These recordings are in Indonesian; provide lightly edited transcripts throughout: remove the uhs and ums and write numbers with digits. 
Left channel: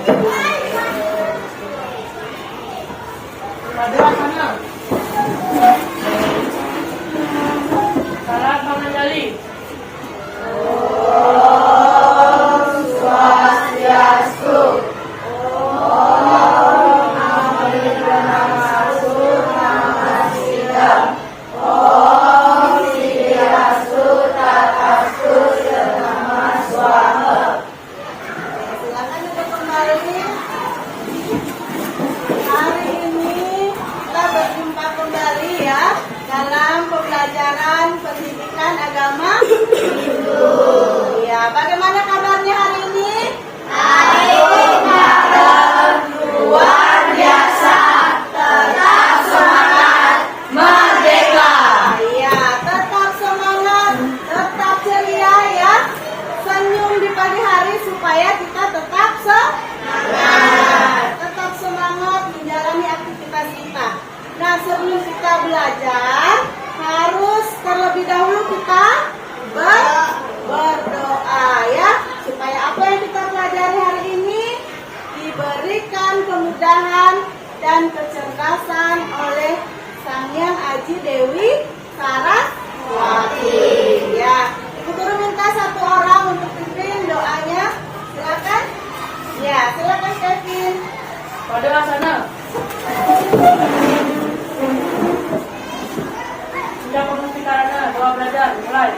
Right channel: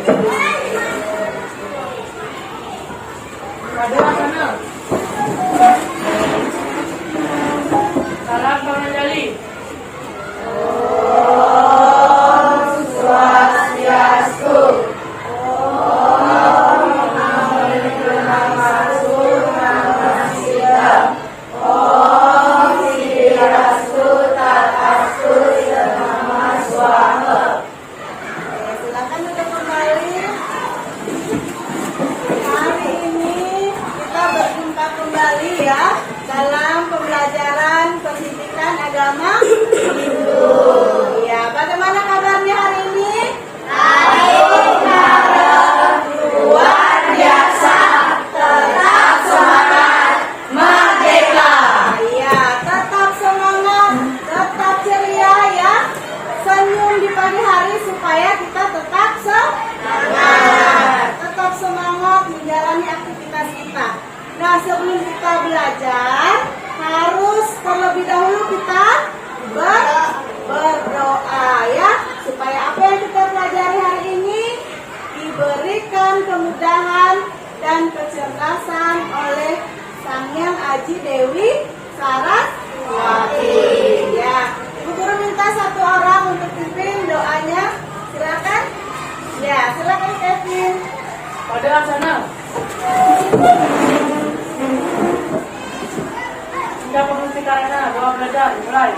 Salam menjadi. Kembali ya dalam pembelajaran pendidikan agama Hindu. Ya, bagaimana kabarnya hari ini? Luar biasa, tetap semangat, merdeka. Ya, tetap semangat, tetap ceria ya. Senyum di pagi hari supaya kita tetap semangat. Tetap semangat menjalani aktivitas kita. Nah, sebelum kita belajar, harus terlebih dahulu kita berdoa ya, supaya apa yang kita pelajari hari ini diberikan kemudahan dan kecerdasan oleh Sang Hyang Aji Dewi Saraswati. Ya, Ibu Guru minta satu orang untuk pimpin doanya. Silakan. Ya, silakan Kevin. Pada sana. Sudah penulisannya, bawa belajar, mulai.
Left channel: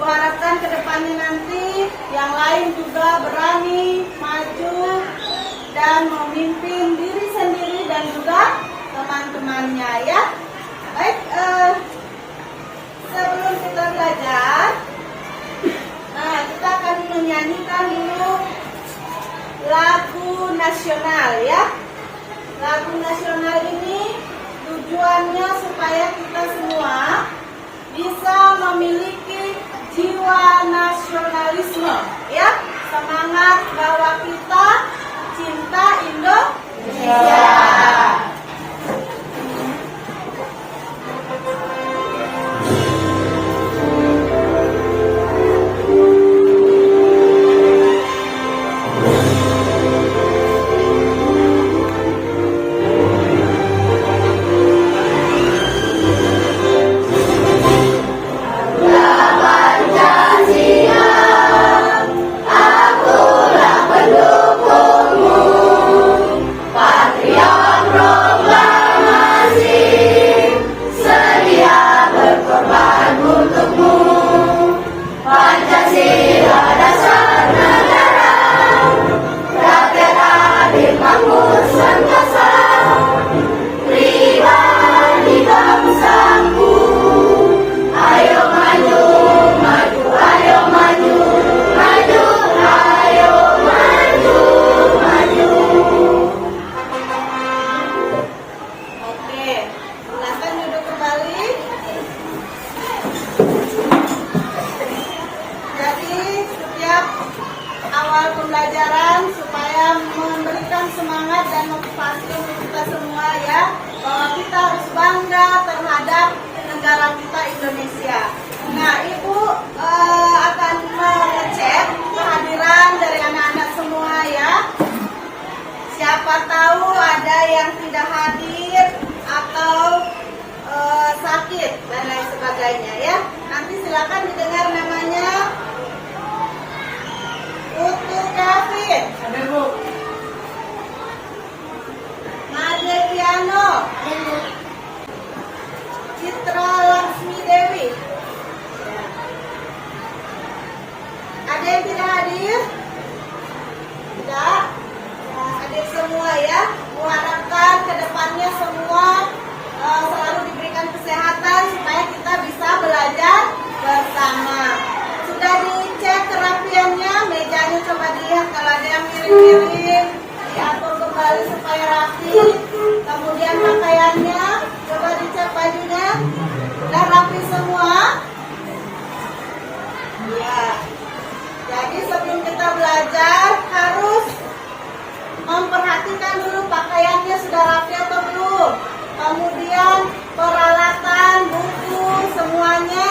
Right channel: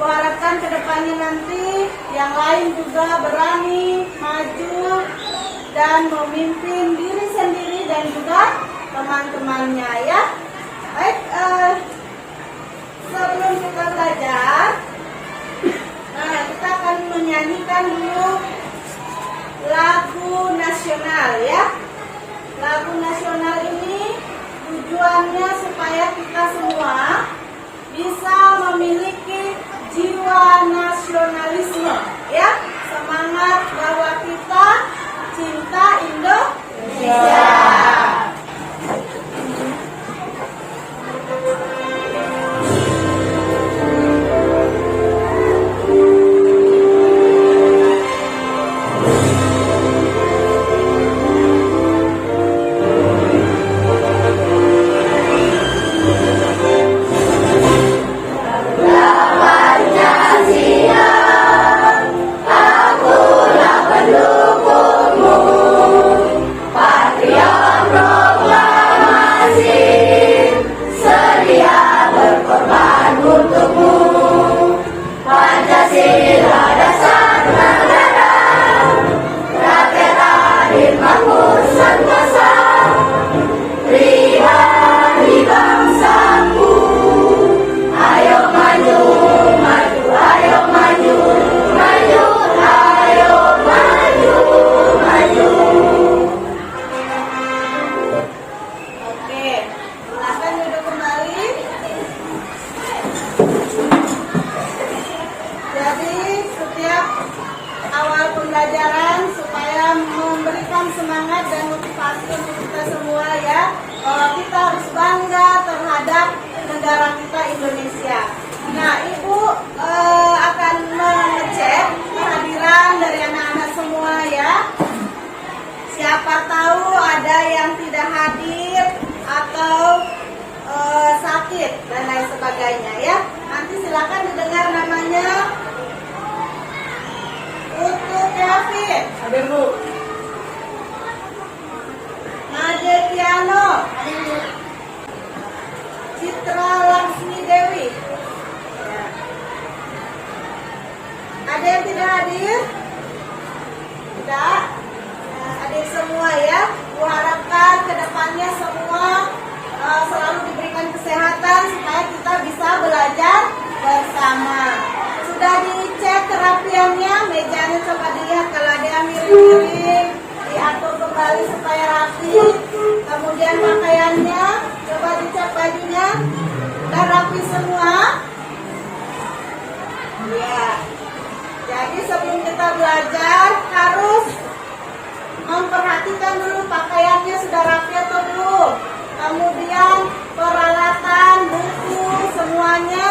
Harapkan kedepannya nanti yang lain juga berani maju dan memimpin diri sendiri dan juga teman-temannya ya. Baik, sebelum kita belajar, kita akan menyanyikan dulu lagu nasional ya. Lagu nasional ini tujuannya supaya kita semua bisa memiliki jiwa nasionalisme ya, semangat bahwa kita cinta Indonesia. Semangat dan motivasi untuk kita semua ya, bahwa kita harus bangga terhadap negara kita Indonesia. Nah, Ibu akan mengecek kehadiran dari anak-anak semua ya. Siapa tahu ada yang tidak hadir atau sakit dan lain sebagainya ya. Nanti silakan didengar hadir? Tidak. Nah, hadir semua ya. Mengharapkan kedepannya semua selalu diberikan kesehatan supaya kita bisa belajar bersama. Sudah dicek kerapiannya, mejanya coba dilihat kalau ada yang miring-miring, diatur kembali supaya rapi. Kemudian pakaiannya, coba dicek bajunya, dan rapi semua. Ya. Jadi sebelum kita belajar harus memperhatikan dulu pakaiannya sudah rapi atau belum. Kemudian peralatan, buku, semuanya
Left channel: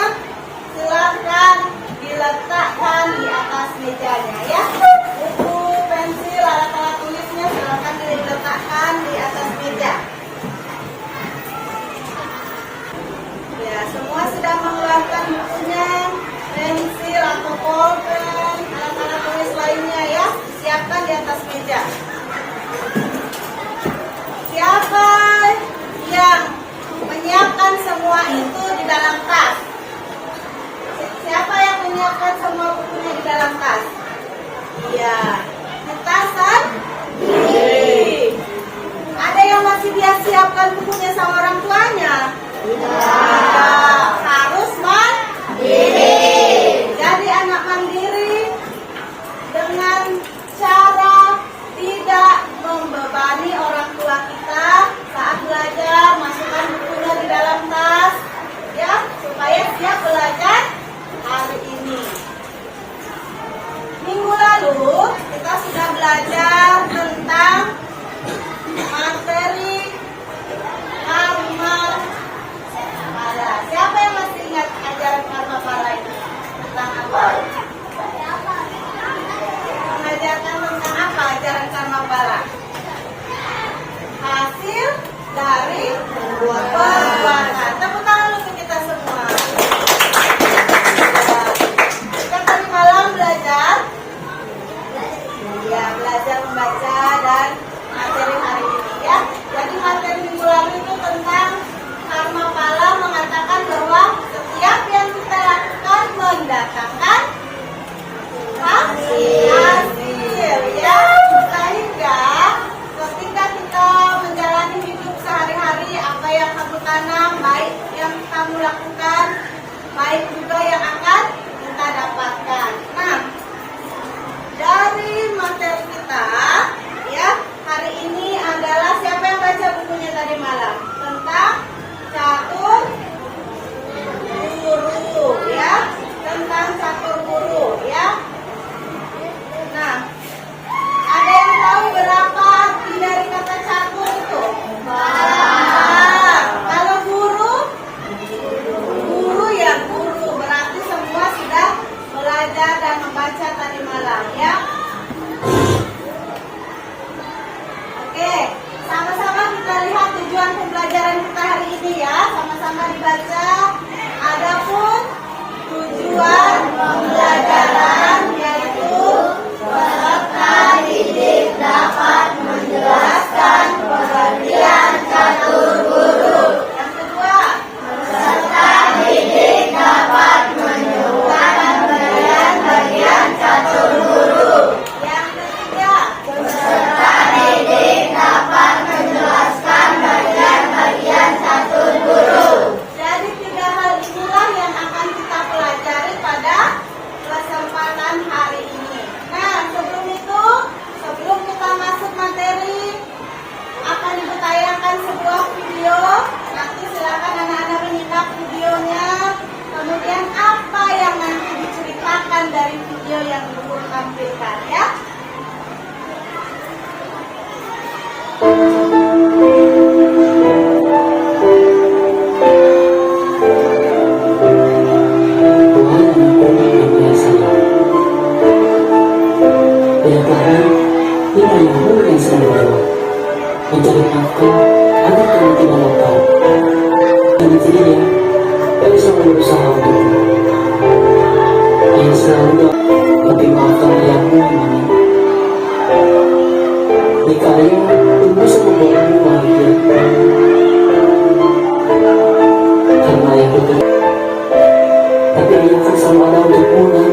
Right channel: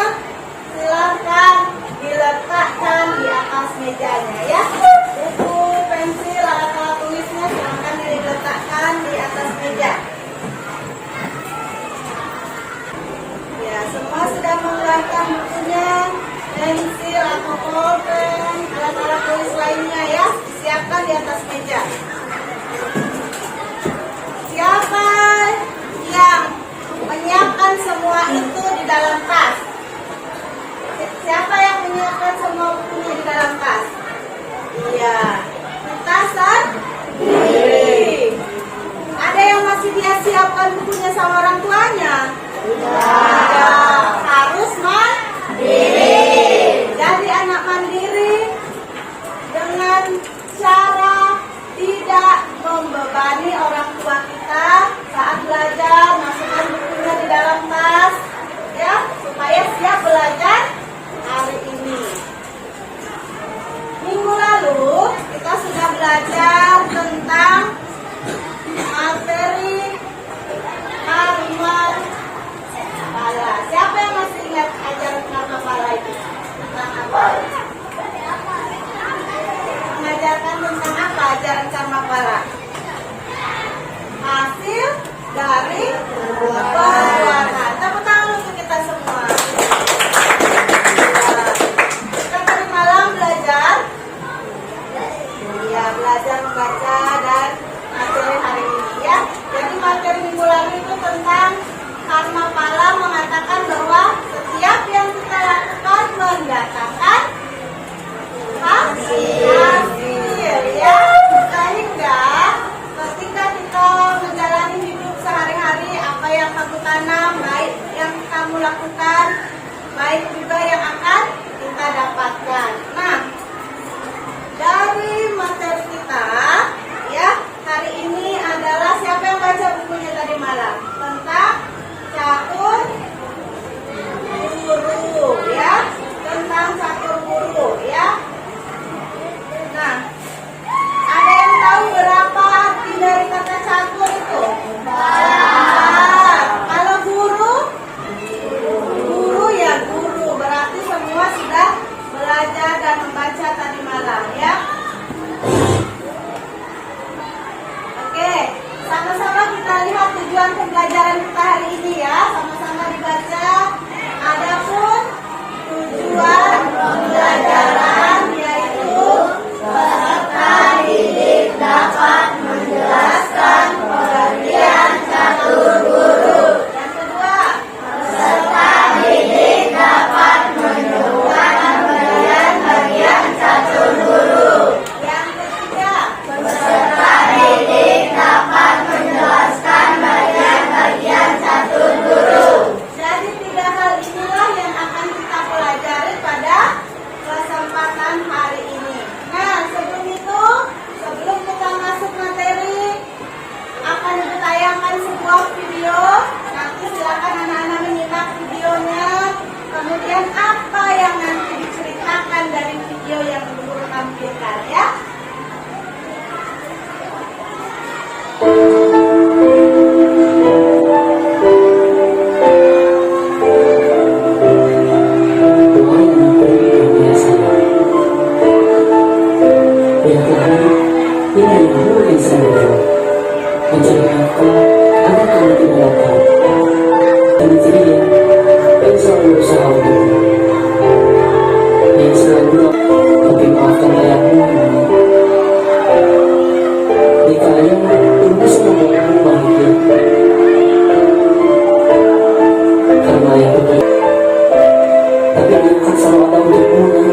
silakan diletakkan di atas mejanya ya. Buku, pensil, alat-alat tulisnya silakan diletakkan di atas meja. Ya, semua sudah mengeluarkan bukunya, pensil atau pulpen, alat-alat tulis lainnya ya, siapkan di atas meja. Siapa yang menyiapkan semua itu di dalam tas? Siapa yang menyiapkan semua bukunya di dalam tas? Iya, di tas kan? Ada yang masih dia siapkan bukunya sama orang tuanya? Harus mandiri. Jadi anak mandiri dengan cara tidak membebani orang tua kita saat belajar, masukkan bukunya di dalam tas ya, supaya siap belajar hari ini. Minggu lalu kita sudah belajar tentang materi karma pala. Siapa yang masih ingat ajaran karma pala itu? Tentang apa? Mengajarkan tentang apa ajaran karma pala? Hasil dari perbuatan. Tepuk tangan untuk kita semua. Kita tadi malam belajar, ya belajar membaca dan materi hari ini ya. Jadi materi minggu lalu itu tentang karma pala, mengatakan bahwa setiap yang kita lakukan mendatangkan hasil ya. Sehingga ketika kita menjalani hidup sehari-hari, apa yang kamu tanam, baik yang kamu lakukan, baik juga yang akan kita dapatkan. Nah, dari materi kita ya hari ini adalah siapa yang baca bukunya tadi malam tentang catur guru ya, tentang catur guru ya. Nah, ada yang tahu berapa arti dari kata catur itu? Kalau guru ya guru, berarti semua sudah belajar dan membaca tadi malam ya. Oke, sama-sama kita lihat tujuan pembelajaran kita hari ini ya. Sama-sama dibaca. Adapun tujuan pembelajaran yaitu peserta didik dapat menjelaskan pengertian catur guru. Yang kedua, peserta didik dapat menyebutkan bagian-bagian catur guru. Yang ketiga, peserta didik dapat menjelaskan bagian-bagian catur guru. Jadi tiga hal inilah yang akan kita pelajari pada kesempatan hari ini. Nah, sebelum kita masuk materi, akan ditayangkan sebuah video. Nanti silakan anak-anak menyimak videonya. Kemudian apa yang nanti diceritakan dari video yang Ibu tampilkan ya. Mencari nafkah agar kami tidak lapar, dan dirinya yang selalu berusaha untukku. Ia selalu lebih maafkan ayahmu ini. Jika ayahmu terus membuatmu bahagia, karena ayah betul, tapi dia akan selalu ada untukmu.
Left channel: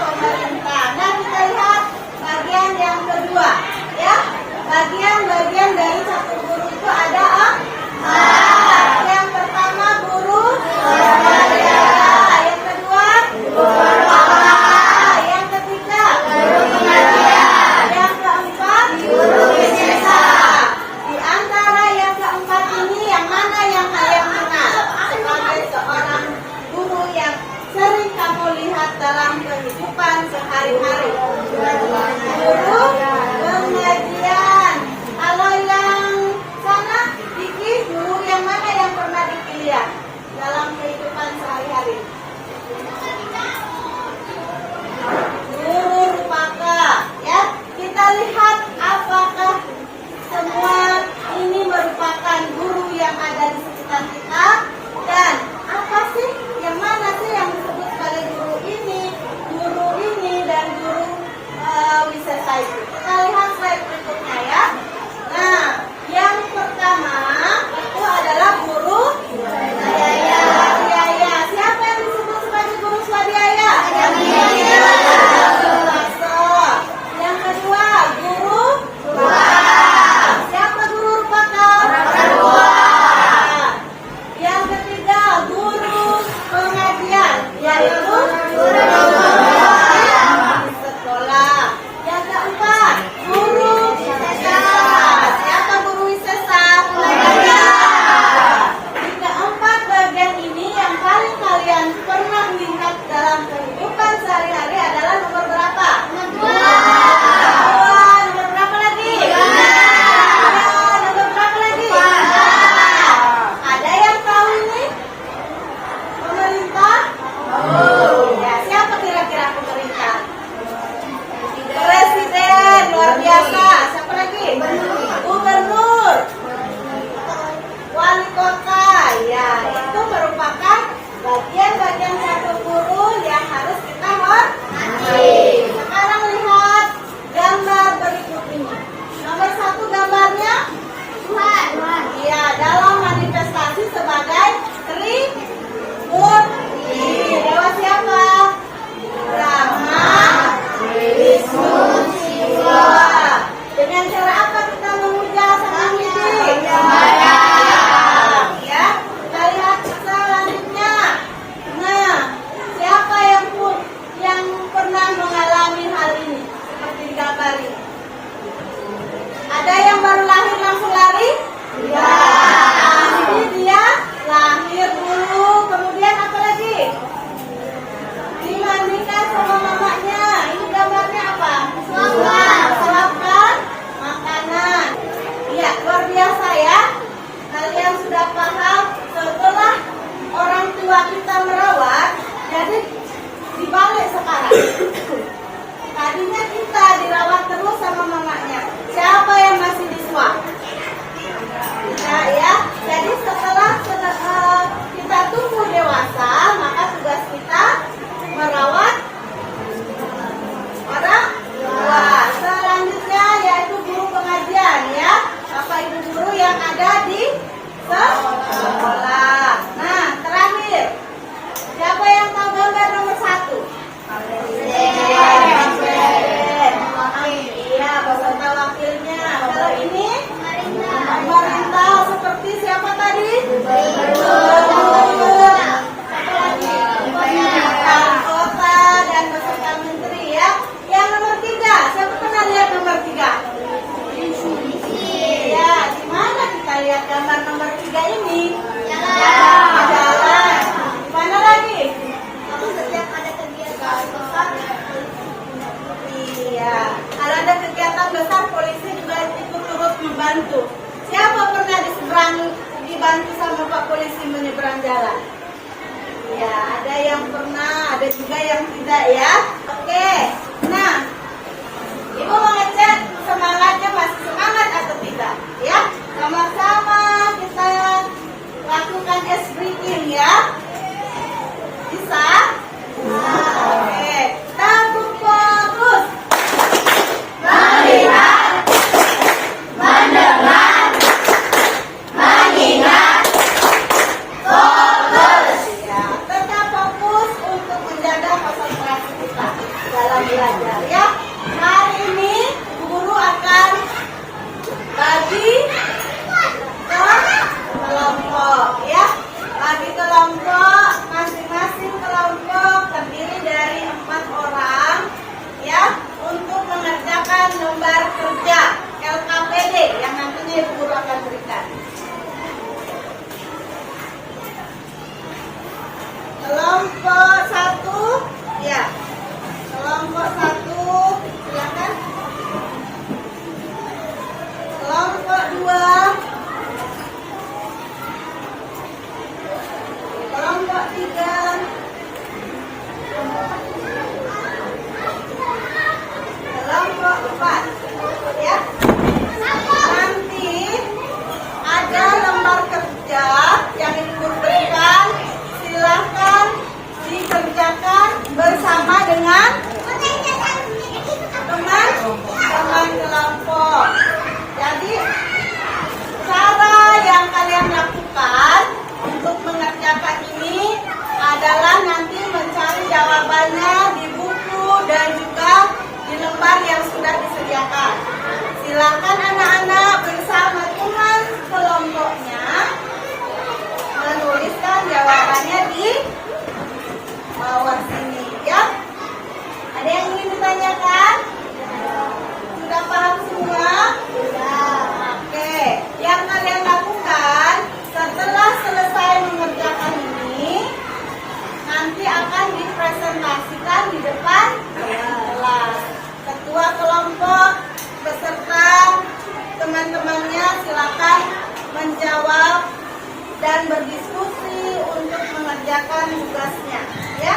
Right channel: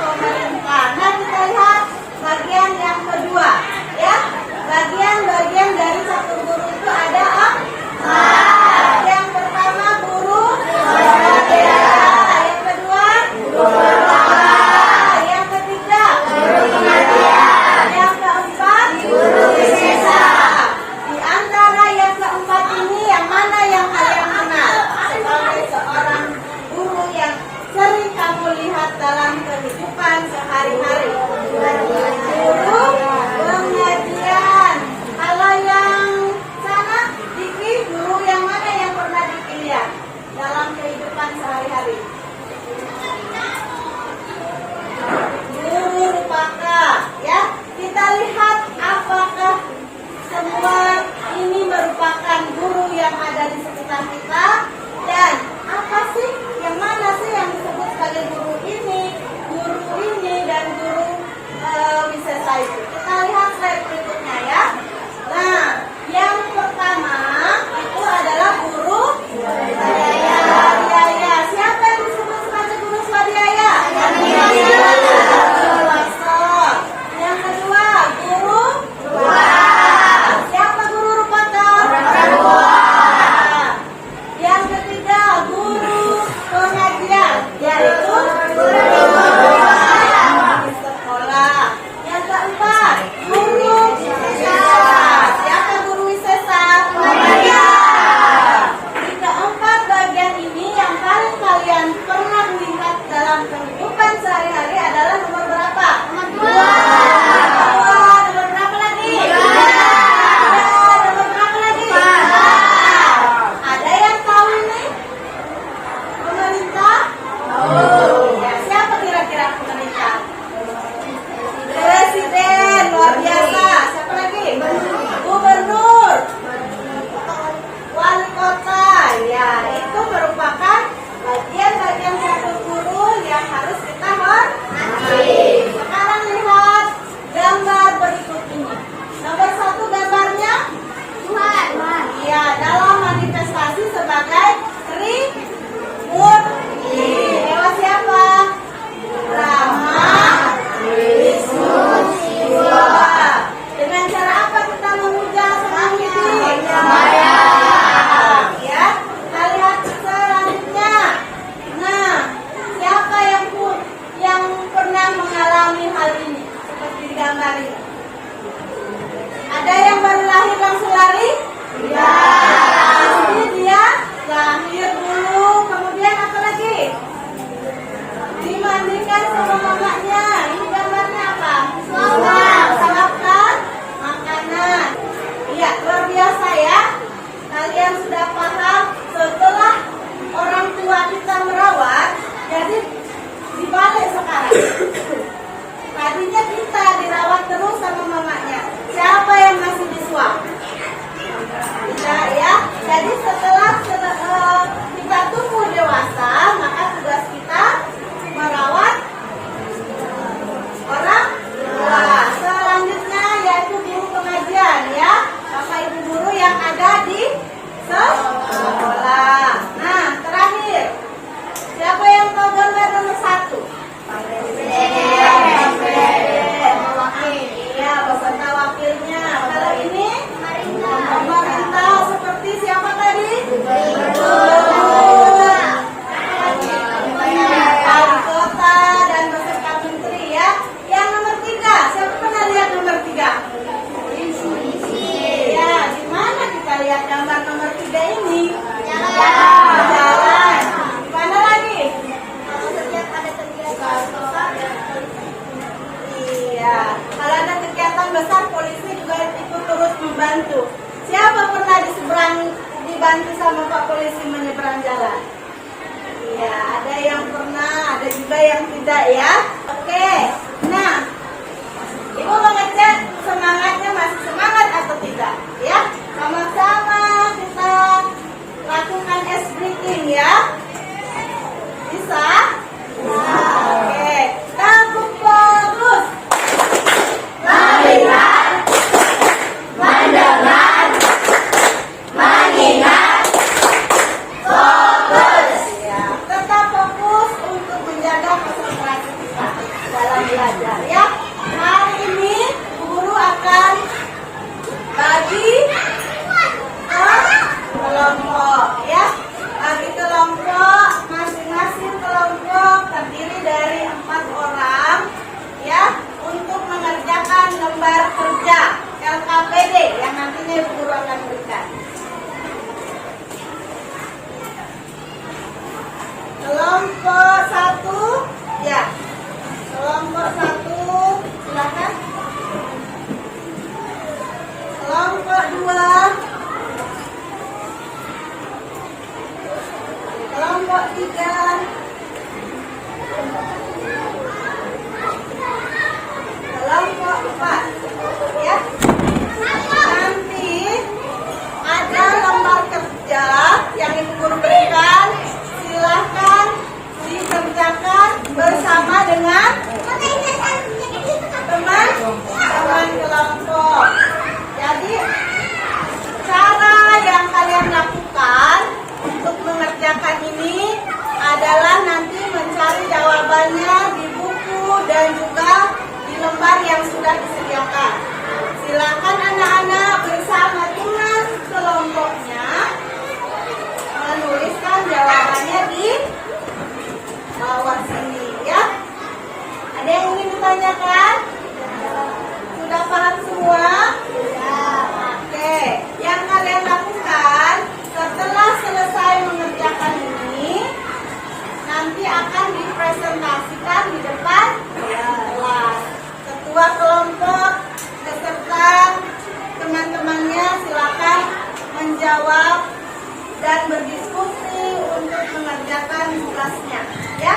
pemerintah. Nah, kita lihat bagian yang kedua, ya. Bagian dari satu guru itu ada empat. Yang pertama guru swadaya, yang kedua guru utama, yang ketiga guru pengajian, yang keempat guru wisesa. Di antara yang keempat ini yang mana yang kalian kenal sebagai seorang guru yang sering kamu lihat dalam kehidupan sehari-hari? Guru pengajian. Kalau yang sana, Diki, guru yang mana yang pernah dipilih dalam kehidupan sehari-hari? Guru Rupaka, ya. Kita lihat apakah semua ini merupakan guru yang ada di sekitar kita, dan apa sih yang mana sih yang disebut sebagai guru ini, dan guru wisesa itu. Kita lihat slide berikutnya, ya. Nah, yang pertama itu adalah guru swadaya. Siapa yang disebut sebagai guru swadaya? Yang kedua, guru siapa guru Rupaka? Yang ketiga, guru pengajian, yaitu di sekolah. Yang keempat, guru wisesa. Siapa guru wisesa? Di keempat bagian ini yang paling kalian pernah lihat dalam kehidupan sehari-hari adalah nomor berapa? Nomor berapa lagi? Nomor berapa lagi? Ada yang tahu ini? Pemerintah? Ya, siapa kira-kira pemerintah? Presiden, luar biasa. Siapa lagi? Gubernur, wali kota. Ya, itu merupakan bagian-bagian satu guru yang harus kita hormati. Sekarang lihat gambar berikut ini. Nomor satu gambarnya Tuhan. Ya, dalam manifestasi sebagai Trimurti. Dewa siapa? Brahma, Wisnu, Shiva. Dengan cara apa kita memuja sang Hyang? Ya, kita lihat selanjutnya. Nah, siapa yang pernah mengalami hal ini seperti di gambar ini? Ada yang baru lahir langsung lari? Tidak. Pasti dia lahir dulu, kemudian apa lagi? Dimandikan sama mamanya. Ini gambarnya apa? Siapkan makanan. Iya, luar biasa, ya. Kalian sudah paham setelah orang tua kita merawat, jadi dibalik sekarang. Tadinya kita dirawat terus sama mamanya. Siapa yang masih disuap? Tidak, ya. Jadi setelah kita tumbuh dewasa, maka tugas kita merawat orang tua. Selanjutnya yaitu guru pengajian, ya. Bapak Ibu guru yang ada di sekolah. Nah, terakhir, siapa yang tahu gambar nomor satu? Iya, beserta wakilnya. Kalau ini pemerintah seperti siapa tadi? Wali kota dan beserta menteri, ya. Yang nomor 3, siapa pernah lihat nomor 3? Ya, di mana kita lihat gambar nomor 3 ini? Jalan. Di mana lagi? Iya, kalau ada kegiatan besar polisi juga ikut turut membantu. Siapa pernah dibantu sama Pak Polisi menyeberang jalan? Iya, ada yang pernah, ada juga yang tidak, ya. Oke, nah, Ibu mau ngecek semangatnya masih semangat atau tidak, ya? Sama-sama kita lakukan ice breathing, ya. Bisa? Bisa. Oke, tepuk terus. Melihat, mendengar, mengingat, fokus. Ya, tetap fokus untuk menjaga konsentrasi kita. semuanya kan? Sudah paham semua? Ya, oke. Yang kalian lakukan setelah selesai mengerjakan ini, nanti akan dipresentasikan di depan kelas. Ketua kelompok beserta teman-temannya silakan menjawab dan berdiskusi untuk mengerjakan tugasnya, ya. Ya.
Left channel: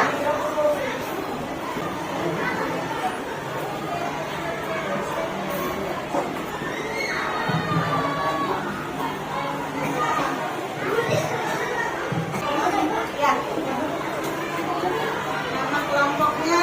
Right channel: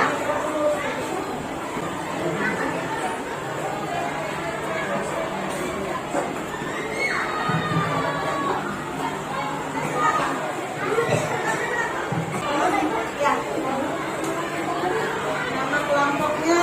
Nama kelompoknya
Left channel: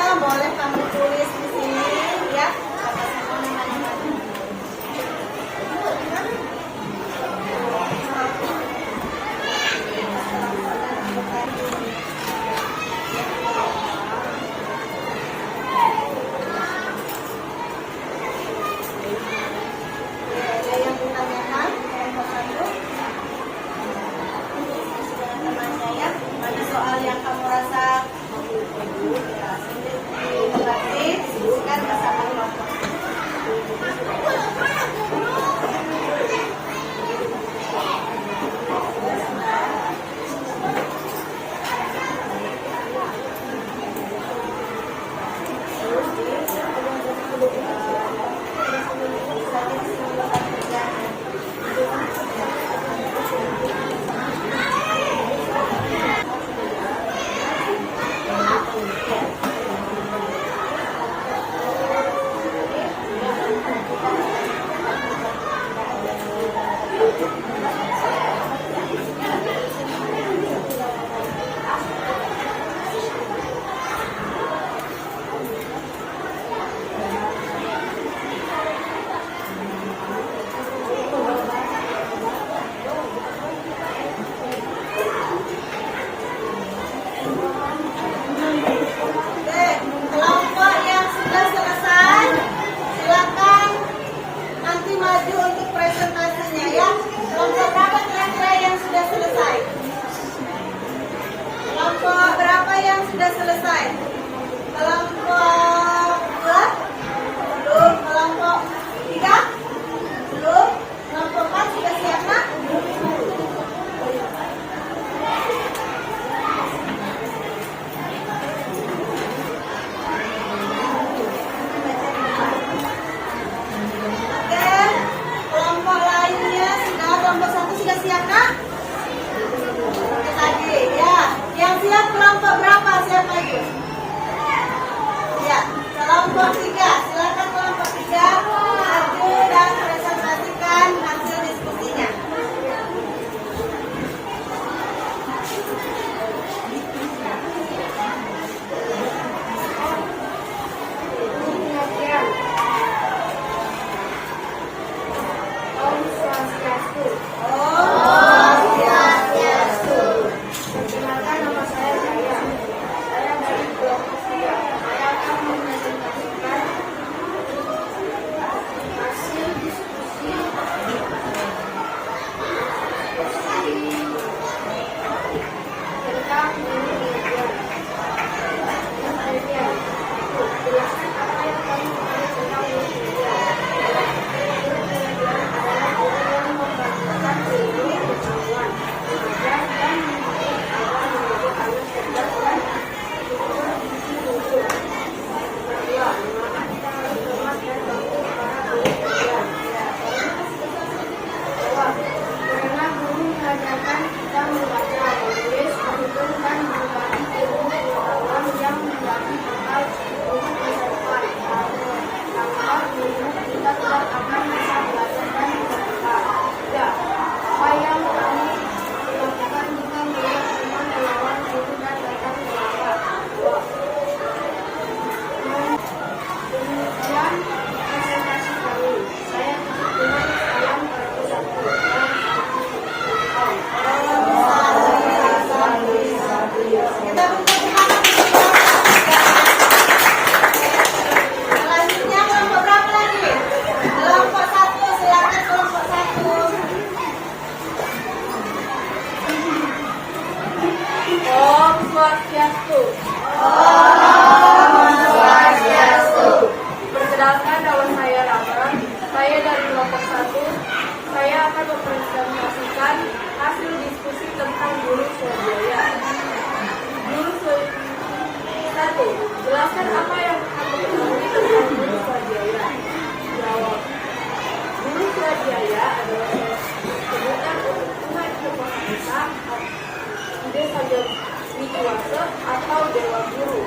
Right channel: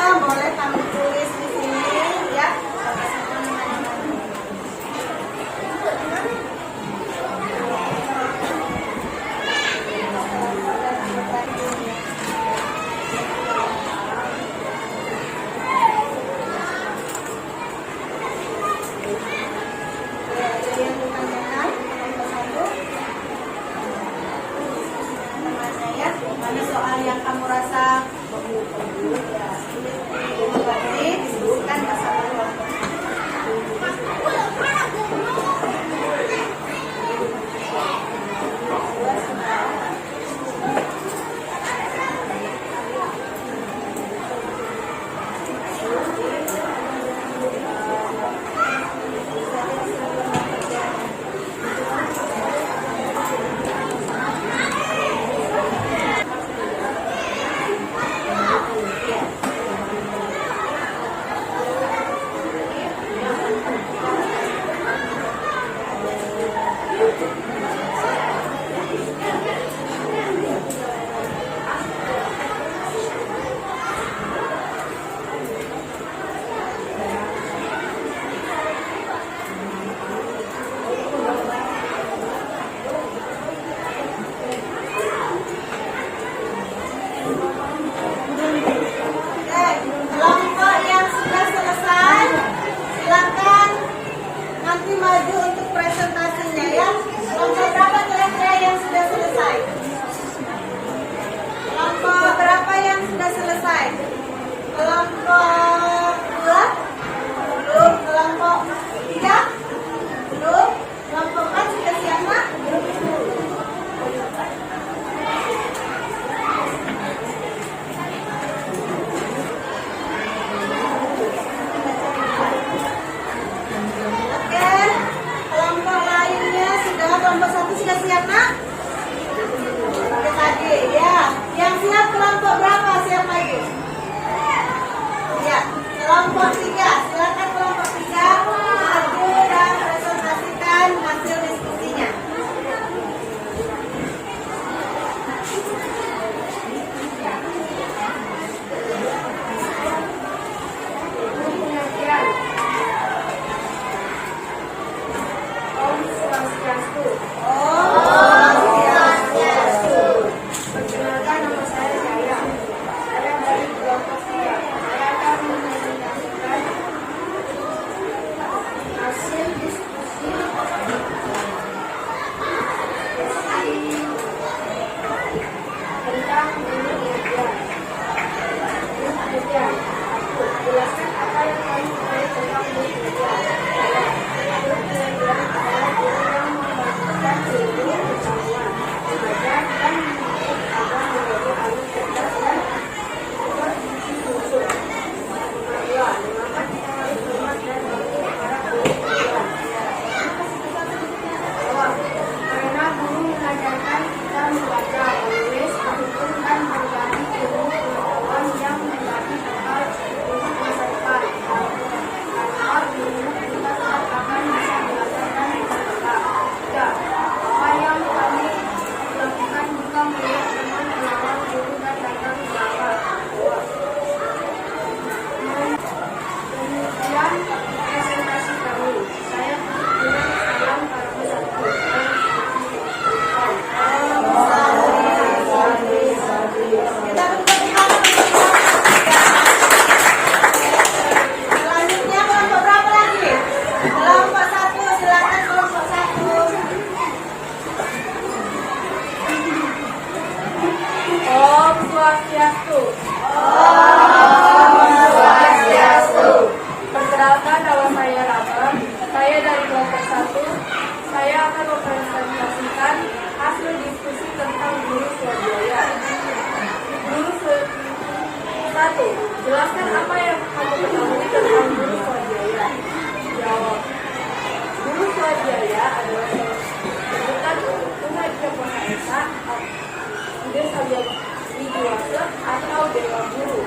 Wase atau Dewa Guru.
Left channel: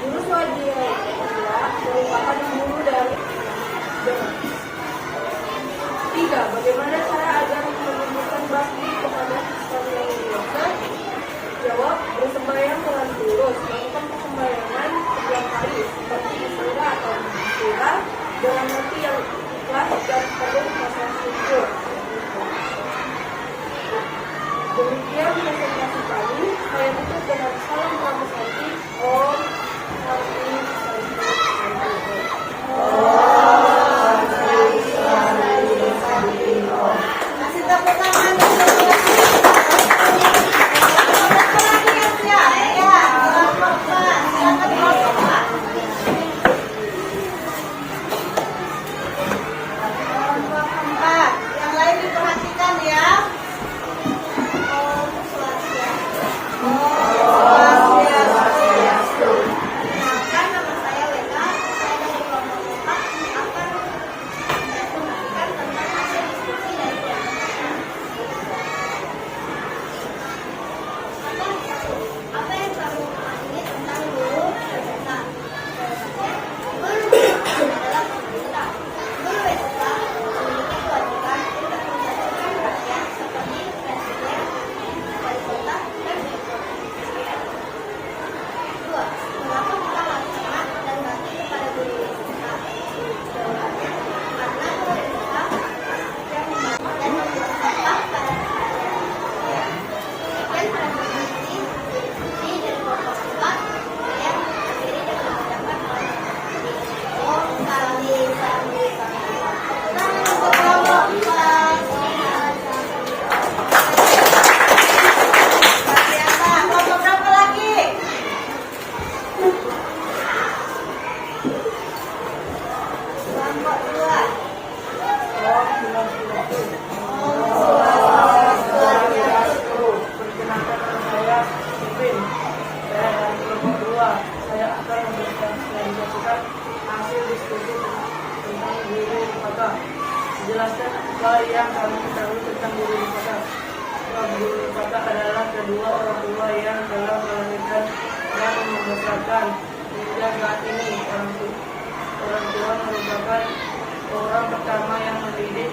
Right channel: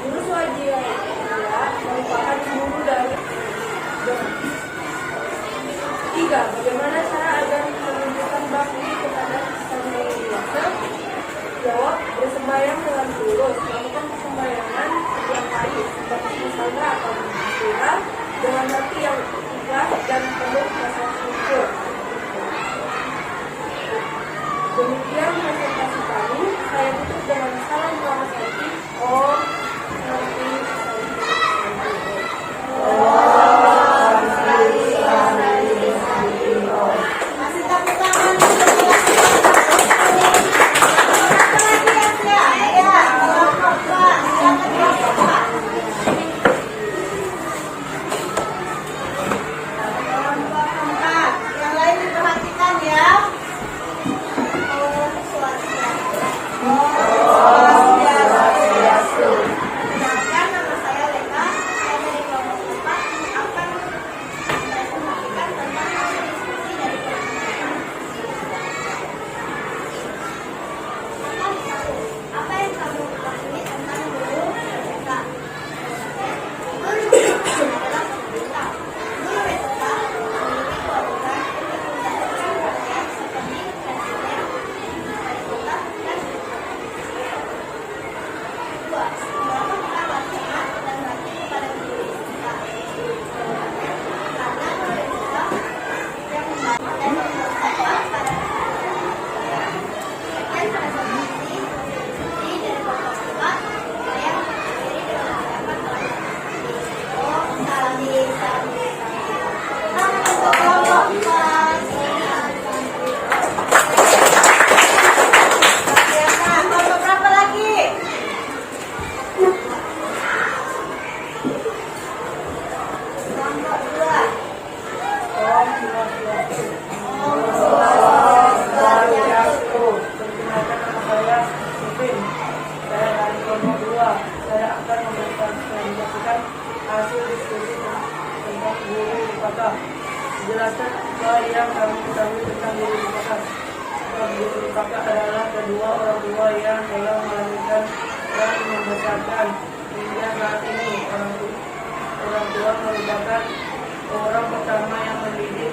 Guru Swadhyaya merupakan guru dari tiga. Bagaimana cara agar menunjukkan bakti kepada Sang Hyang Widi Wase? Jawab, bersembahyang dengan tulus, melakukan persembayangan setiap hari, dapat masalah atau menghasilan dengan hati yang ikhlas dan penuh rasa syukur. Demikian presentasi kami. Saya tutup dengan salam selamat pagi. Om Santi Santi. Masih tepuk tangan. Yang lain diperhatikan ya. Saya akan menjelaskan hasil diskusi tentang guru Wisata. Jelaskan apa yang kami ketahui tentang guru Wisata. Guru Wisata adalah kedua orang tua yang telah melahirkan dan membesarkan hingga saat ini. Orang tua merupakan orang pertama yang mendidik,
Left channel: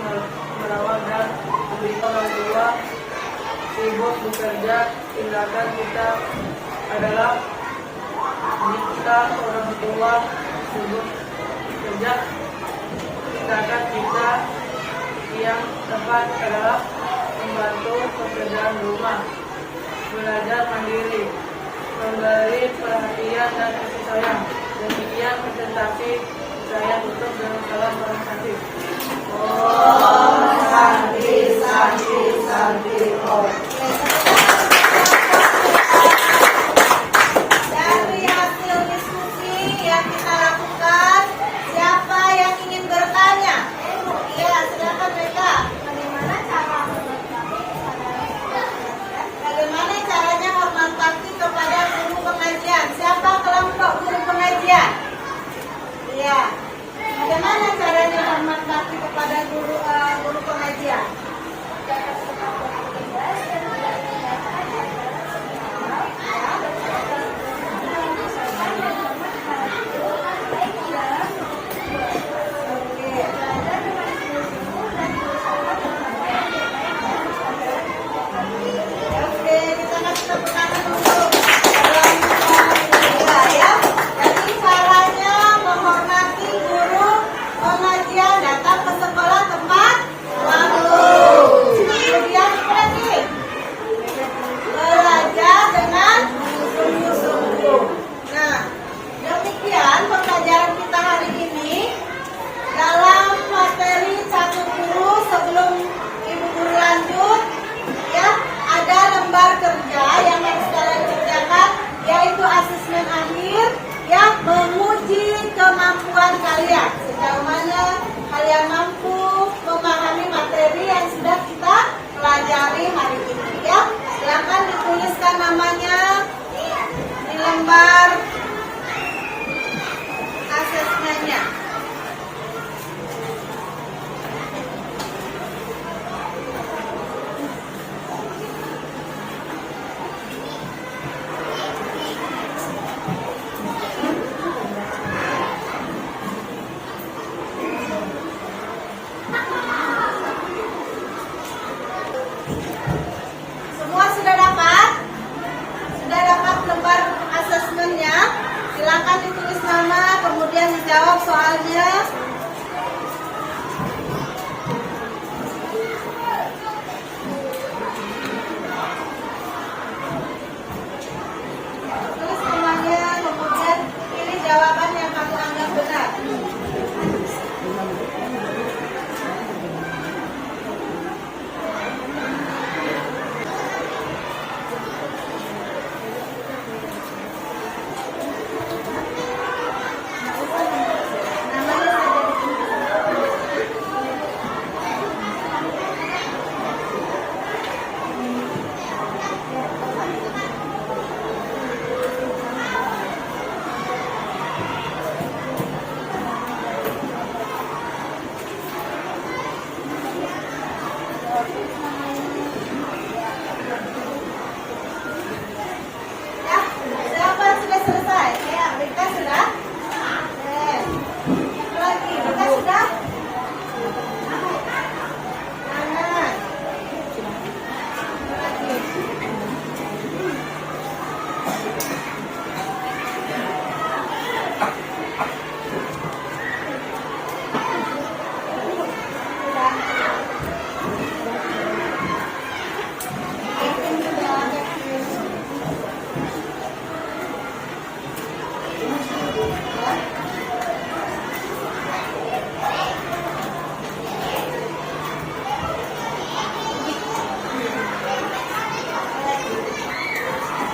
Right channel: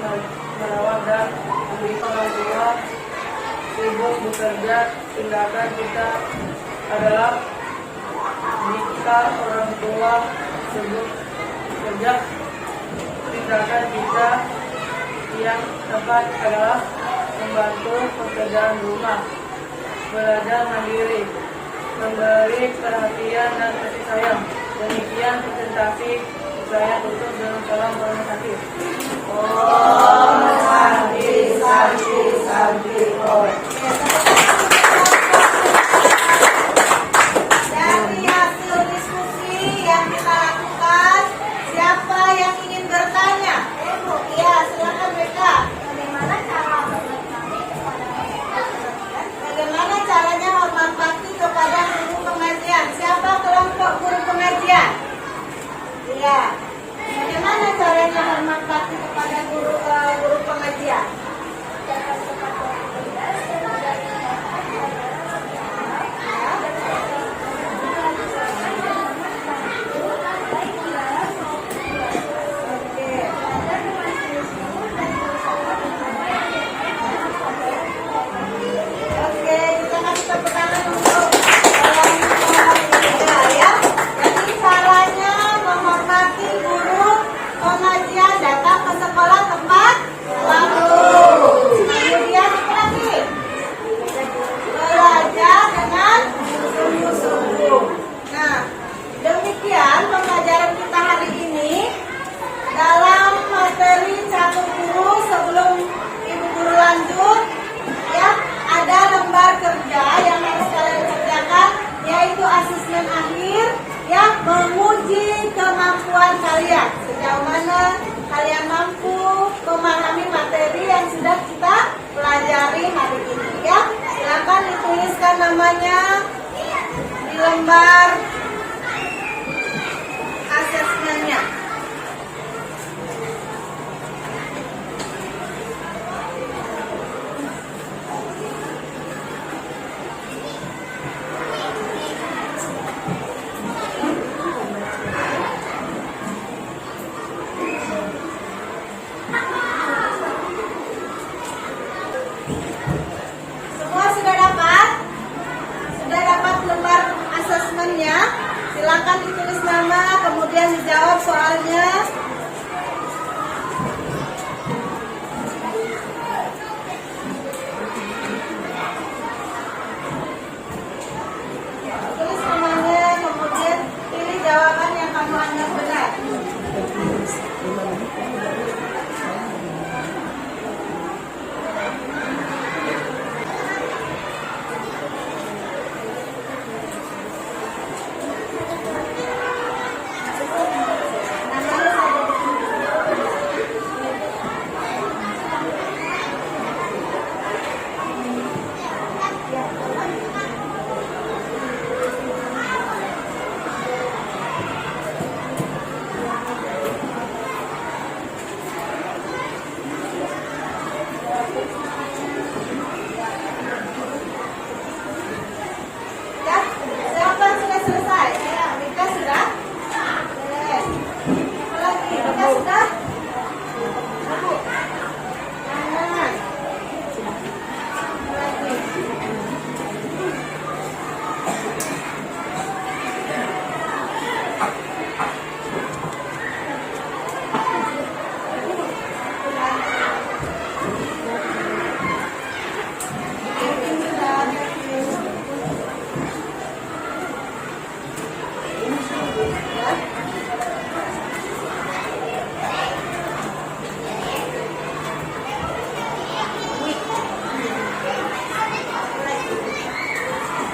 merawat dan memberikan orang tua sibuk bekerja. Tindakan kita adalah jika orang tua sibuk bekerja, tindakan kita yang tepat adalah membantu pekerjaan rumah, belajar mandiri, memberi perhatian dan kasih sayang. Demikian presentasi saya tutup dengan salam hormat hati. Om Santi Santi Santi Om. Dari hasil diskusi yang kita lakukan, siapa yang ingin bertanya? Iya, silakan mereka. Bagaimana caranya hormat bakti kepada guru pengajian? Siapa kelompok guru pengajian? Iya. Bagaimana caranya hormat bakti kepada guru pengajian? Asesmen akhir yang menguji kemampuan kalian, sejauh mana kalian mampu memahami materi yang sudah kita pelajari hari ini ya. Silakan dituliskan namanya di lembar asesmennya. orang yang benar. Ya, siapa sudah selesai? Ya, Mika sudah. Oke. Satu lagi, Mika sudah. Satu. Kanan. Satu lagi.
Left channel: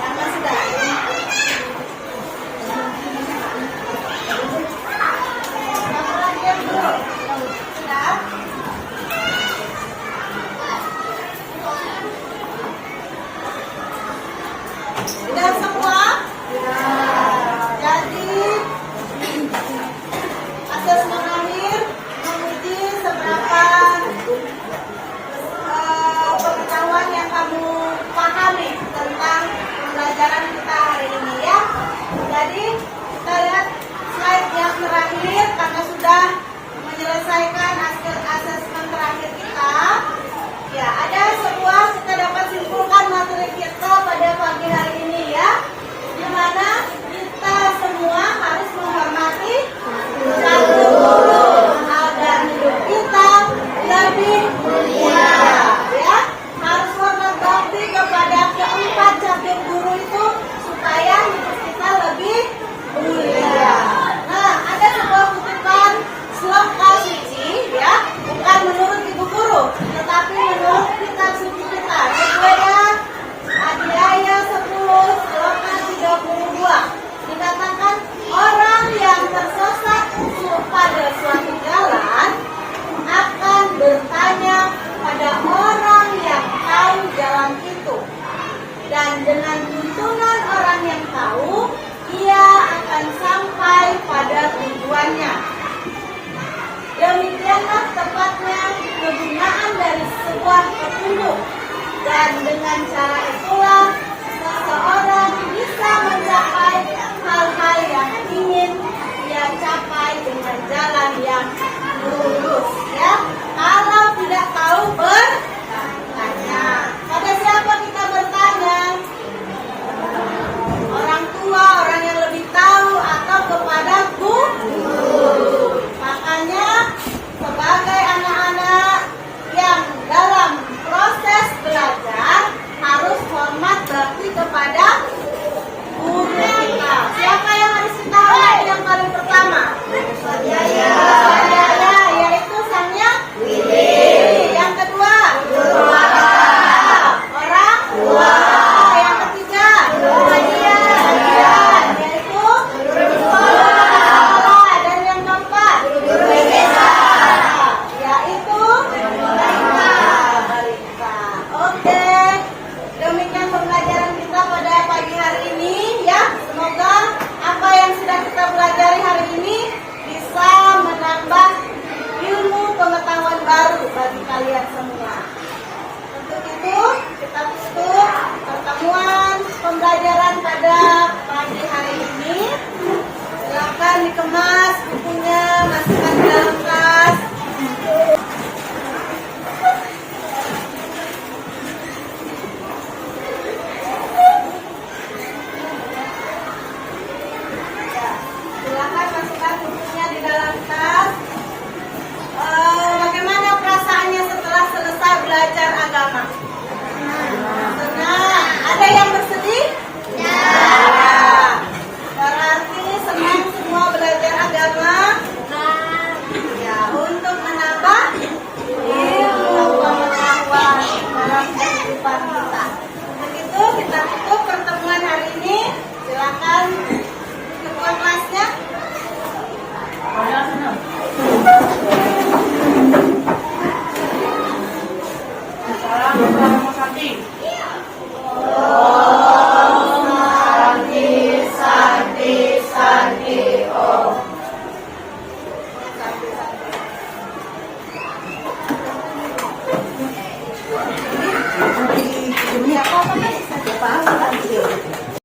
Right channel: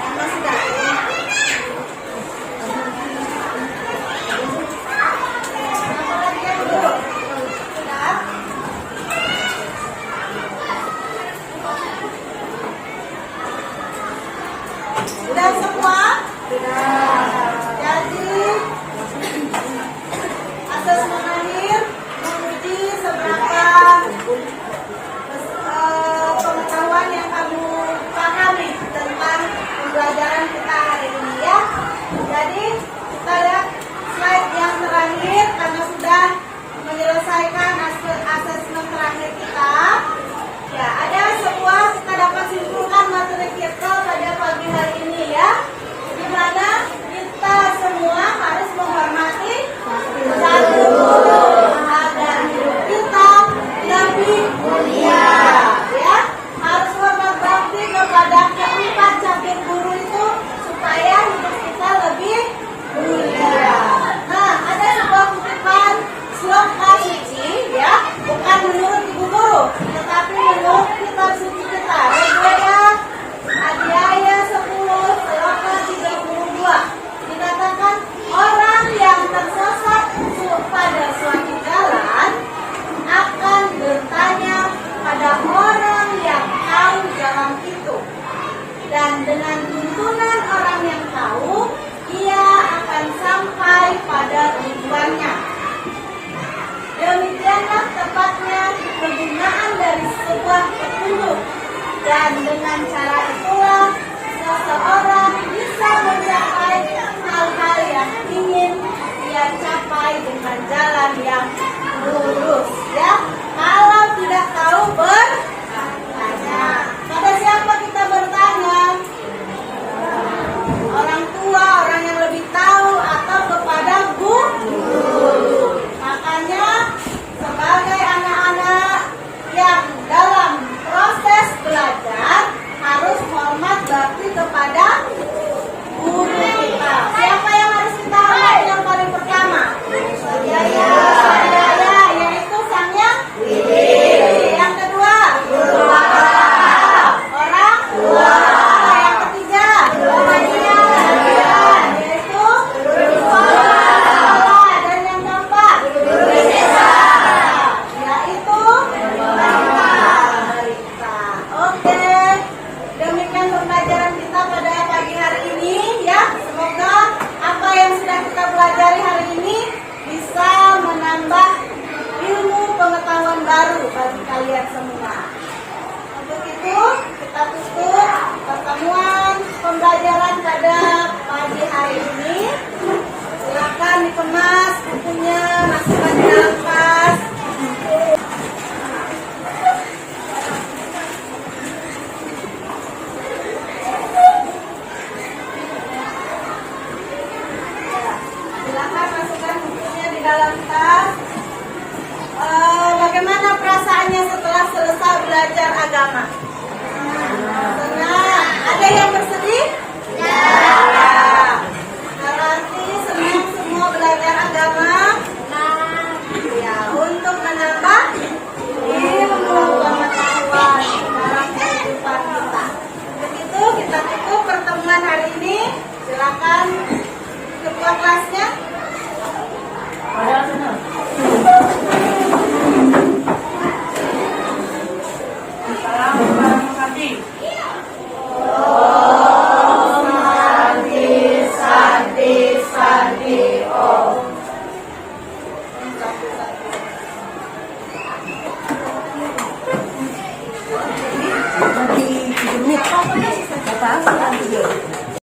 Tambah sudah. Satu lagi yang dulu. Sudah. Sudah semua? Jadi asas mengalir menguji seberapa pengetahuan yang kamu pahami tentang pembelajaran kita hari ini ya. Jadi kita lihat slide yang terakhir karena sudah menyelesaikan asesmen terakhir kita. Ya, ada sebuah kita dapat simpulkan materi kita pada pagi hari ini ya, di mana kita semua harus menghormati satu agar hidup kita lebih mulia ya, harus hormat bakti kepada keempat cabang guru itu supaya hidup kita lebih mulia. Nah, ada sebuah kutipan sloka suci ya, bukan menurut ibu guru, tetapi menurut kitab suci kita. Rigweda Adhyaya 10 sloka 32 dikatakan orang yang tersesat pada suatu jalan akan bertanya pada orang yang tahu jalan itu, dan dengan tuntunan orang yang tahu ia akan sampai pada tujuannya. Demikianlah tepatnya kegunaan dari sebuah petunjuk, dan dengan cara